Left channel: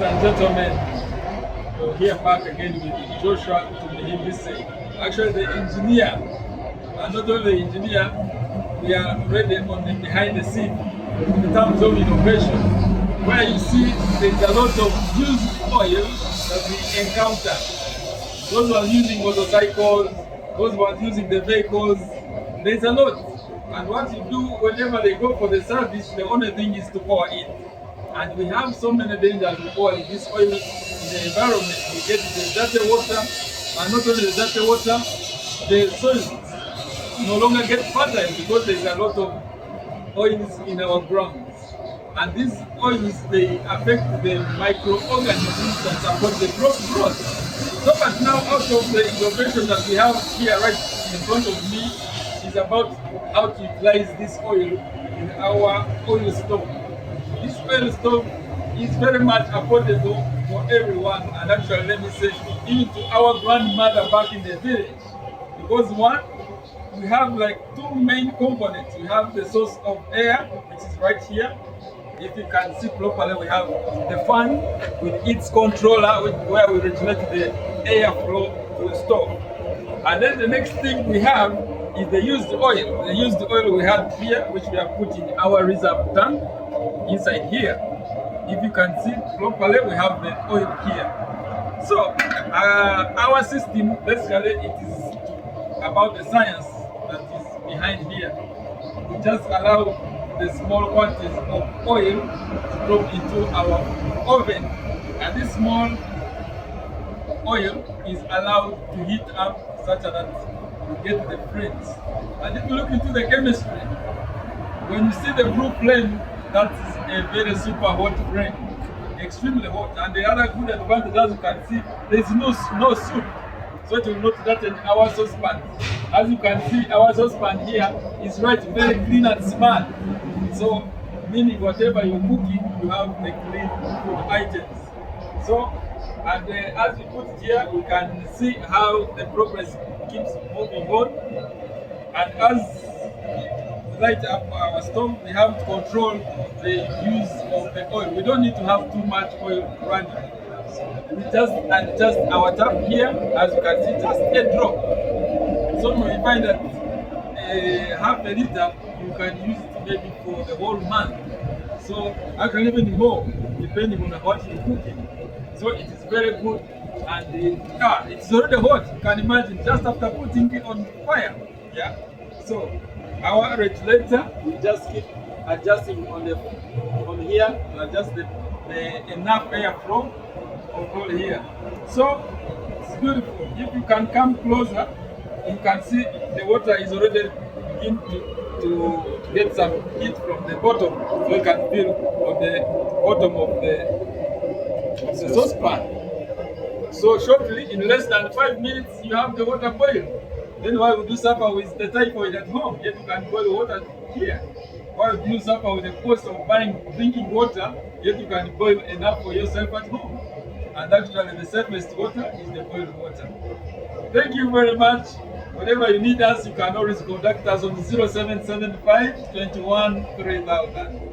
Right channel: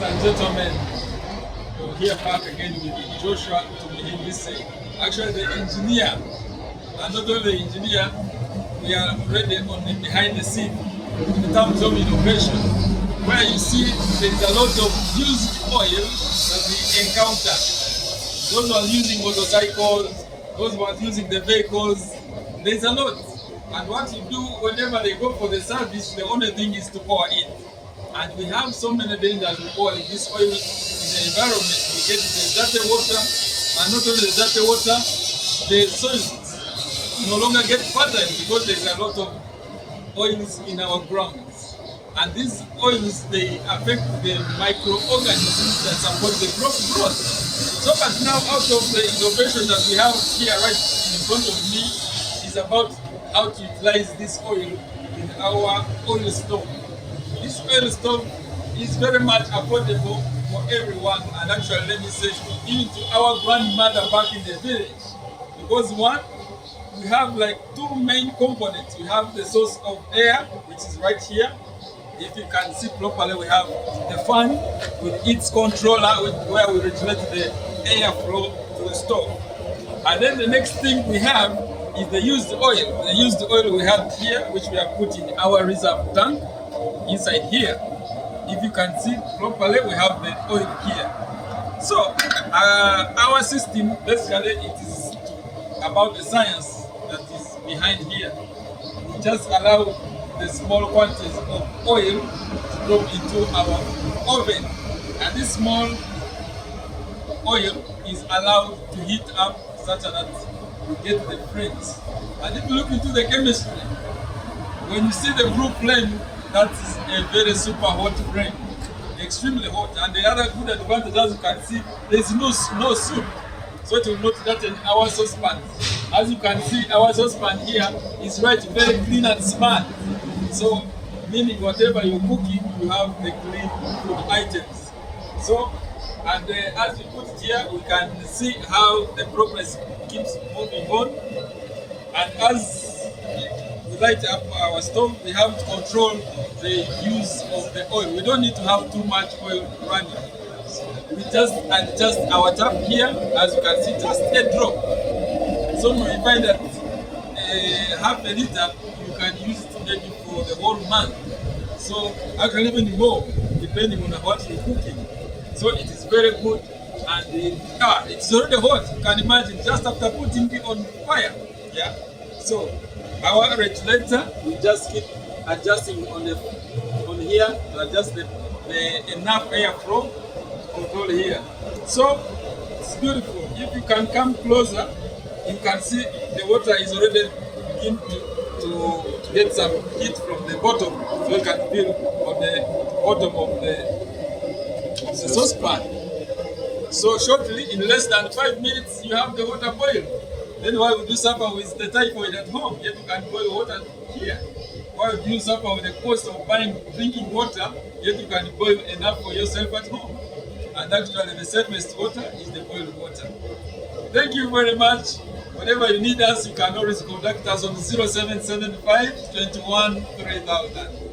Ladies and gentlemen, we're here back again with Joshua to begin this say. Actually, the engineer, and not only the engineer, we are already on the behind the scene in terms of innovation, where you see there is a lot of used oil that we encounter. Those who are using motorcycles, those who are using the vehicles, there's a lot. And what you do whenever they go for the service, the only thing is to pour it. And we have so many dangers with oil. This oil in the environment, we get the dirty water, and not only the dirty water, the soil no longer get fertile because there's a lot of oils in our grounds. And these oils, they affect the microorganisms that support the growth. So but now out of the innovation that we have here right in front of me is about how to utilize this oil in our oil stove. This oil stove is very much affordable for everyone, and actually let me say even to our grandmother back in the village. Because one, we have like two main components. We have the source of air, which is right here. If you can see properly, we have the fan with its controller where we regulate the airflow to the stove. And then the next thing we have is the used oil. The used oil we have here, which we have put in our reserve tank inside here. If you can see properly, we have the oil here. So our system, basically, it is about the science that is behind here. It just allows the small quantities of oil to drop into our oven, and this small oil is allowed to heat up such that we get the flames. And if you look into the chemistry, when you see the blue flame, that is a very super hot flame, extremely hot. And the other good advantage, as you can see, there is no soup, so it will not threaten our saucepan. As you can see, our saucepan here is right very clean and smart. So, meaning whatever you're cooking, you have the clean food items. So, and as we put it here, we can see how the progress keeps moving on. And as we light up our stove, we have to control the use of the oil. We don't need to have too much oil running. We just adjust our tap here, as you can see, just a drop. So we find that half a liter, you can use it maybe for the whole month. So actually even more, depending on what you're cooking. So it is very good, and it's already hot. You can imagine just after putting it on fire. Yeah. So our regulator, we just keep adjusting on here to adjust the enough airflow of all here. So it's beautiful. If you can come closer, you can see the water is already beginning to get some heat from the bottom, so you can feel on the bottom of the saucepan. So shortly, in less than 5 minutes, you have the water boil. Then why would you suffer with the typhoid at home? Yet you can boil water here. Why would you suffer with the cost of buying drinking water? Yet you can boil enough for yourself at home. And actually, the safest water is the boiled water. Thank you very much. Whenever you need us, you can always contact us on 0775 21 3000.